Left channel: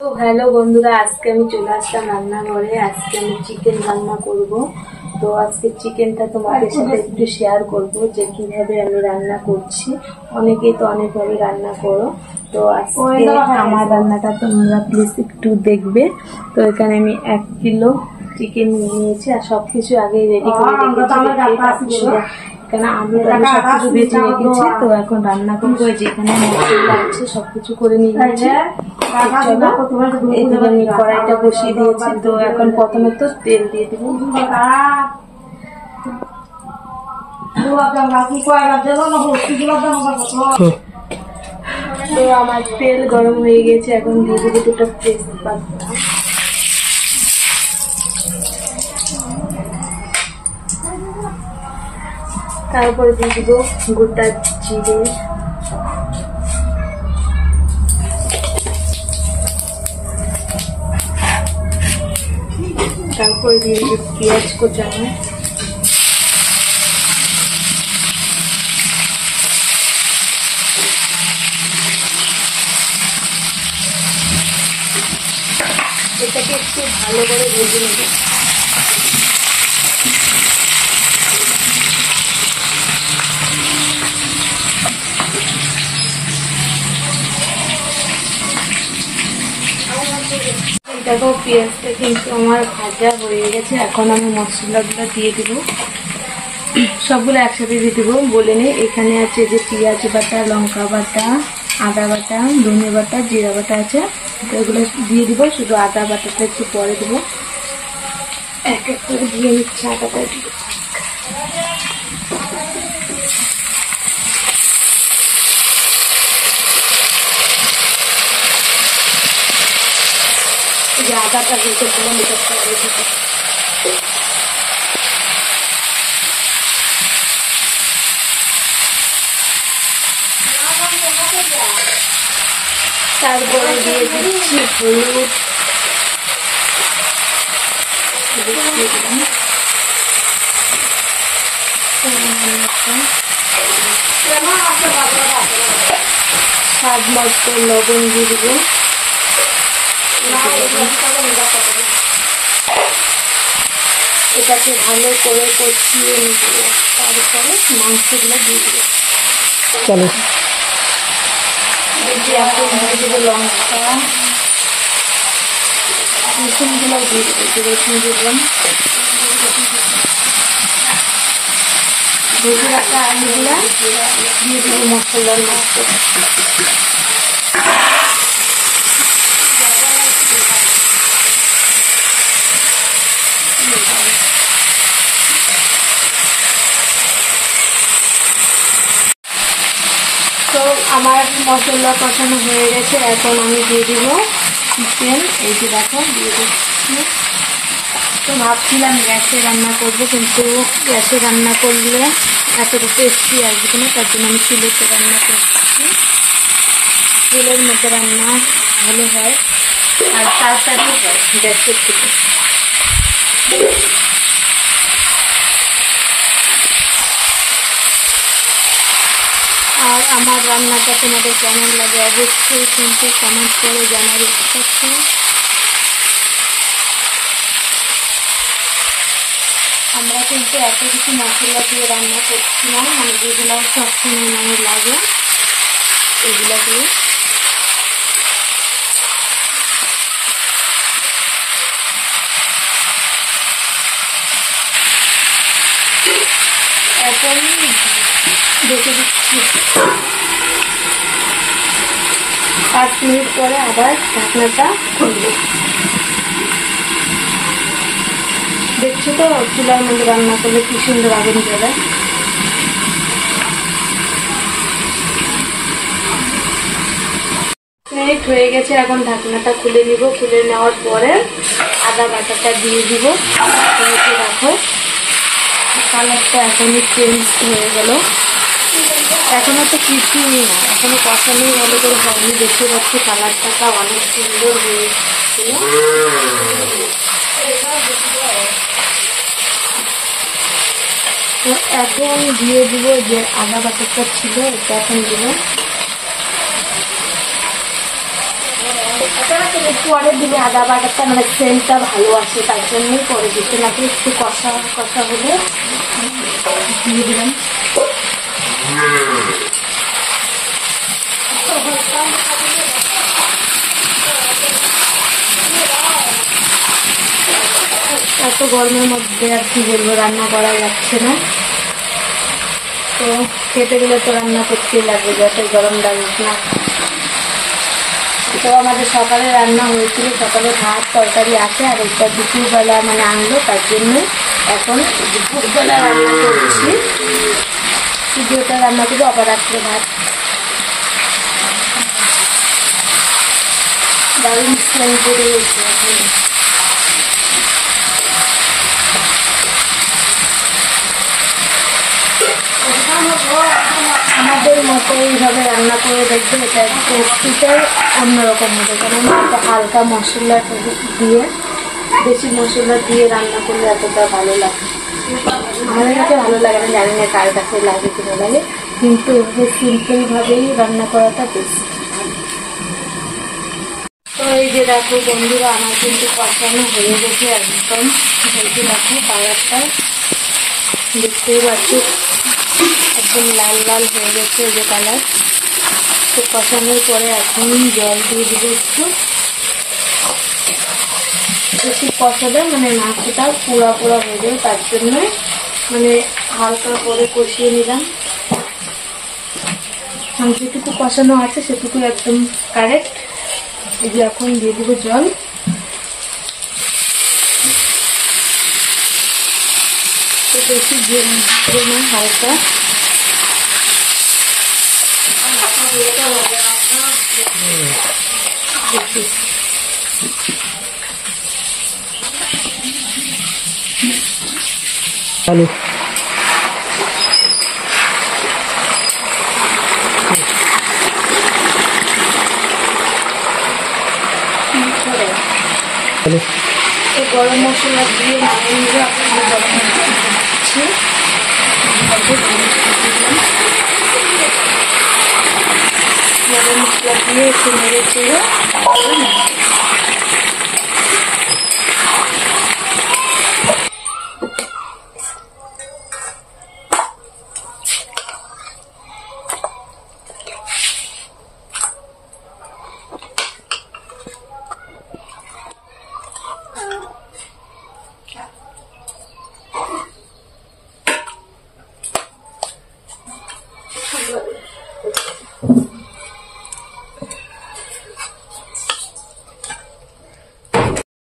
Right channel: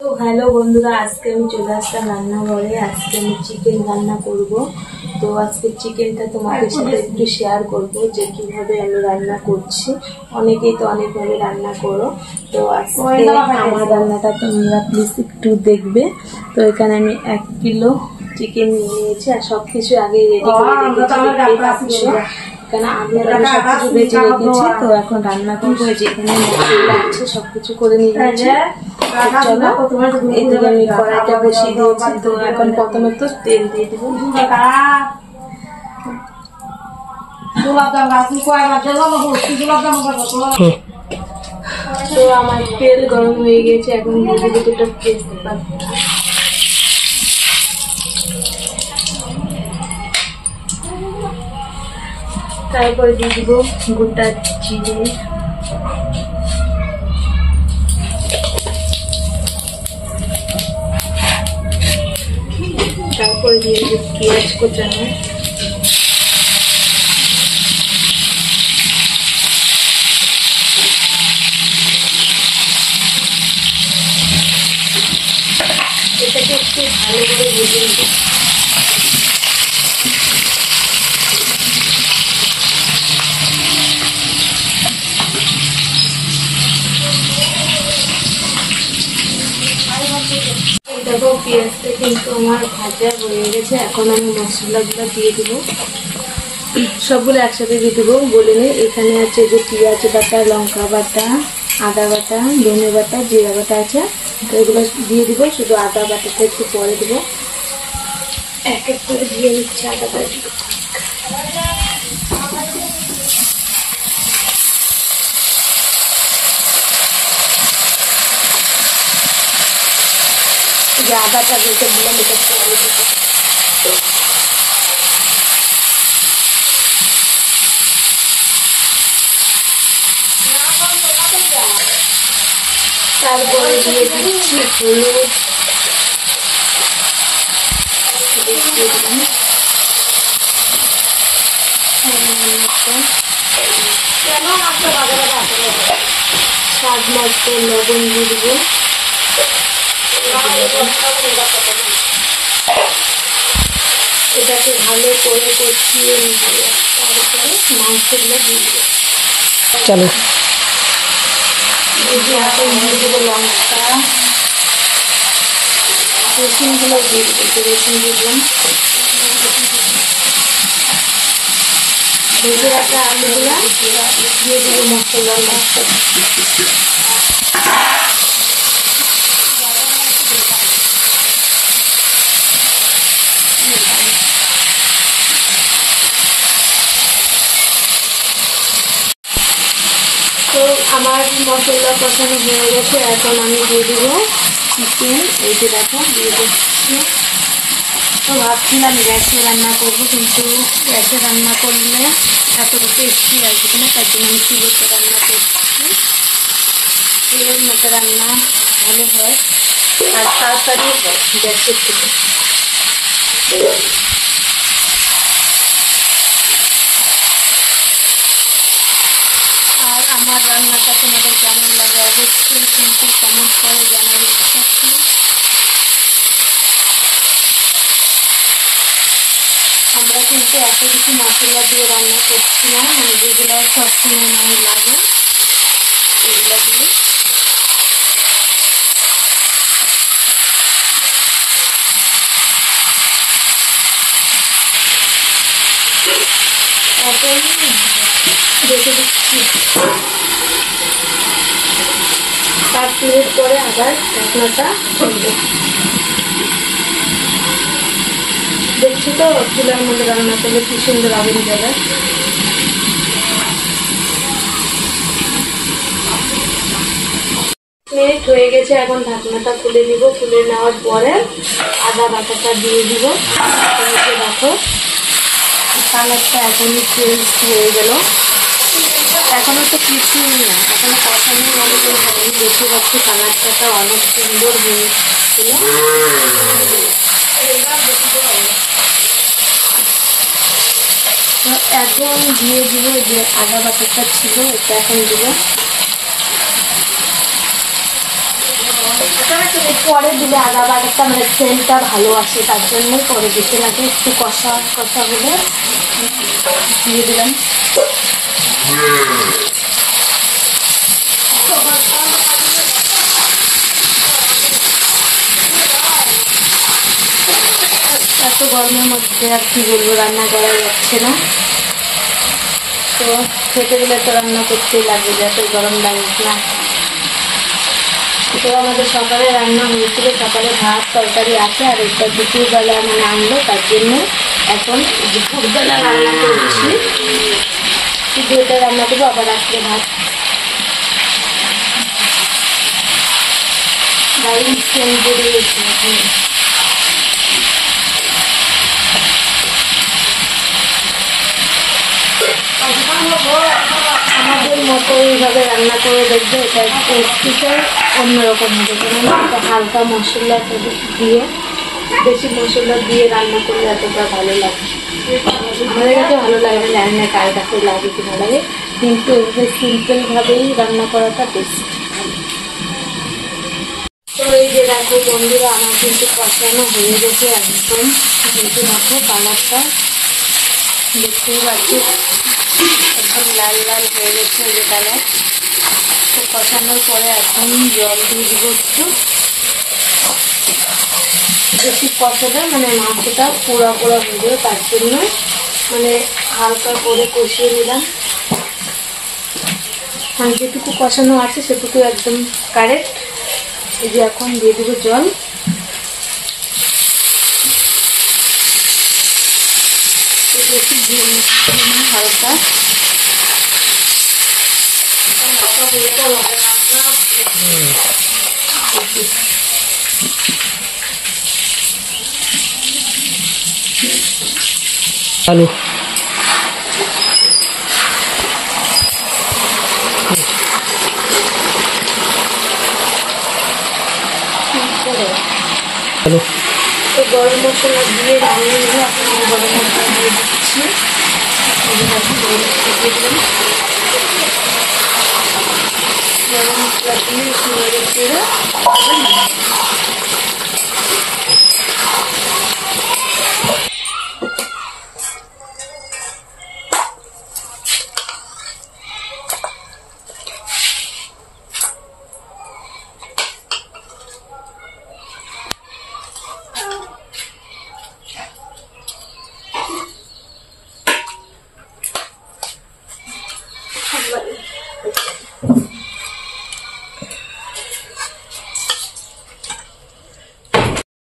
তো হ্যালো বন্ধুরা, আজকে আমি চলে আসলাম রান্নাঘরে। আজকে আমি চিকেন রান্না করব। তো আজকে চিকেনটা তোমাদের সাথে একটু শেয়ার করব যে কিভাবে আমি রান্না করছি। অনেকেই তো অনেকভাবে রান্না করো, তো আজকে আমার রান্নাটা তোমরা প্লিজ একটু দেখবে। তো এখানে আমি 1 কিলো চিকেন নিয়ে নিয়েছি আর সবকিছু আগে রেডি করে রেখেছি। এখানে আলু টালু সবকিছু বেঁচে রেখেছি। তো এখন রান্না করবো। যেখানে মশলা আছে সবকিছু করে নিয়েছি। চলো, এদিকে আমি কড়াইটা বসিয়ে দিয়েছি। তো এখন প্রথমে তো তেল দিয়ে দিব। তো আমার তেল গরম হয়ে গেছে, এখন দিয়ে দিব দুটো তেজপাতা। তারপরে দিয়ে দিব গোটা জিরে, তারপরে দিয়ে দিব পেঁয়াজ কোচানো, এটাকে একটু ভালো করে ভেজে নেব। দেখো পেঁয়াজটা কিন্তু আমার ভাজা হয়ে গেছে। এখন আমি মশলাগুলো দিয়ে দিব, সবগুলো একসাথে দিয়ে দিব। বলে নিই, এখানে আছে যে পেঁয়াজ বাটা, লঙ্কা বাটা, আদা বাটা, ধনে বাটা, জিরা বাটা আছে। তো এগুলো দিয়ে দিব। শুধু আদা বাটাটা একটু পরে দিব। এক এক করে দিয়ে নিচ্ছে আদাটা। আদাটা দিতে ভালো তারপরে দিয়ে দিচ্ছি হলুদ, স্বাদ মতো লবণ দিয়ে দিব। এটাকে ভালো করে কষিয়ে নিয়ে তারপরে মাংসগুলো দিয়ে দিব। চলো, লঙ্কা রসুনগুলো দিয়ে দিব। রসুন দিলাম, ভেজে রাখা আলুগুলো দিয়ে দিব মশলার মধ্যে। তো আমার মশলা কষানো হয়ে গেছে। এখন আমি দিয়ে দিব চিকেন। এই যে দেখো দিয়ে দিচ্ছি। তো ভাবছিলাম গ্যাসে রান্না করবো, কিন্তু গ্যাসে রান্না করলে এতটা টেস্টি আসবে না, তার জন্য আমি চুলিতে রান্না করছি। চুলের মধ্যে রান্না ভালো হয় আর তাড়াতাড়ি হয় গ্যাসের থেকে। আর আমার রান্নাটা তোমাদের কেমন লাগে অবশ্যই কিন্তু কমেন্ট করে জানার ইচ্ছা আছে। আমরা কিন্তু এত কিছু মশলা দিয়ে রান্না করছি না, মানে যেগুলো সবসময় মনে লাগে এগুলো দিয়ে। এখন রেখে দিচ্ছি। 5 মিনিট পরে আবার ঢাকনাটা খুলবো। দেখছি তো চুলার মধ্যে রান্না করলে কি সুন্দর আগুন ধরে। মিনিট হয়ে গেছে, এখন ঢাকনাটা খুলে নিব। খুলে নেওয়ার পরে আদা বাটাটা দিয়ে দিব। দেখো কালারটা এখনই চেঞ্জ হয়ে গেল। এখনো তো কিছুই না, এখনো কষানোই মনে করে আমি দেখতে পাচ্ছি কালারটা অনেক সুন্দর হয়েছিল। এখন দিয়ে দিব যে আদা বাটাটা ছিল, এটা এখন দিব। পরে দিলে আদা বাটাটা মানে সেন্টটা ভালো আসে, তার জন্যই পরে দিতে লাগে। একটু কষা কষা হলে দিয়ে দিলাম এত গরমের মধ্যে আর কি বলবো, রান্না করা যাচ্ছে না। তো খেতে গেলে তো রান্না করতেই লাগবে, যত গরম লাগুক না। তো আমাদের সকালে রান্না হয়েছিল, সকালে ভাত তরকারি আছে, আর একটা দুপুরবেলা মানে আনলো, তার জন্য এখন দুপুরবেলা রান্না করছি। শুধু এটা রান্না করবো, আবার রাত্রে ভাত। দারুণ স্মেল বেড়ে গেছে। আমাদের মতো এইভাবে রান্না করে দেখবে, এটা টেস্টিটাই অন্যরকম হবে। কারণ এটা হালকা মশলা দিয়ে, বেশি মশলা দিয়ে রান্না করলে এতটা ভালো লাগে। আমাদের কাছে ভালো লাগে না, জানি না কার কাছে লাগে কিনা লাগে, কিন্তু এভাবে সিম্পল ভাবেই রান্না করাটা বেশি। তো এই যে দেখো বন্ধুরা, আমার কিন্তু কষানো হয়ে গেছে একদম। এই যে দেখো কালারটা দেখতেই পাচ্ছি, একদম লাল লাল হয়ে গেছে যে কালার। তো কষানোর পরে এখন জল দিয়ে দিব একটু। বেশি কষাবে মানে মাংসটা পোড়া পোড়া হয়ে যাবে, তার জন্য মানে হালকা করে কষিয়ে নিলাম। মানে যেটুকু কষানো আছে সেটুকু একদম কারেক্ট। এই যে এখন দিয়ে দেবো জল। বেশি হালকা চালু গরম মশলা দিয়ে নামিয়ে নিয়ে আপনি গরম মশলা দিয়ে দিচ্ছি। গরম মশলা দিয়ে একটু নেড়ে চেড়ে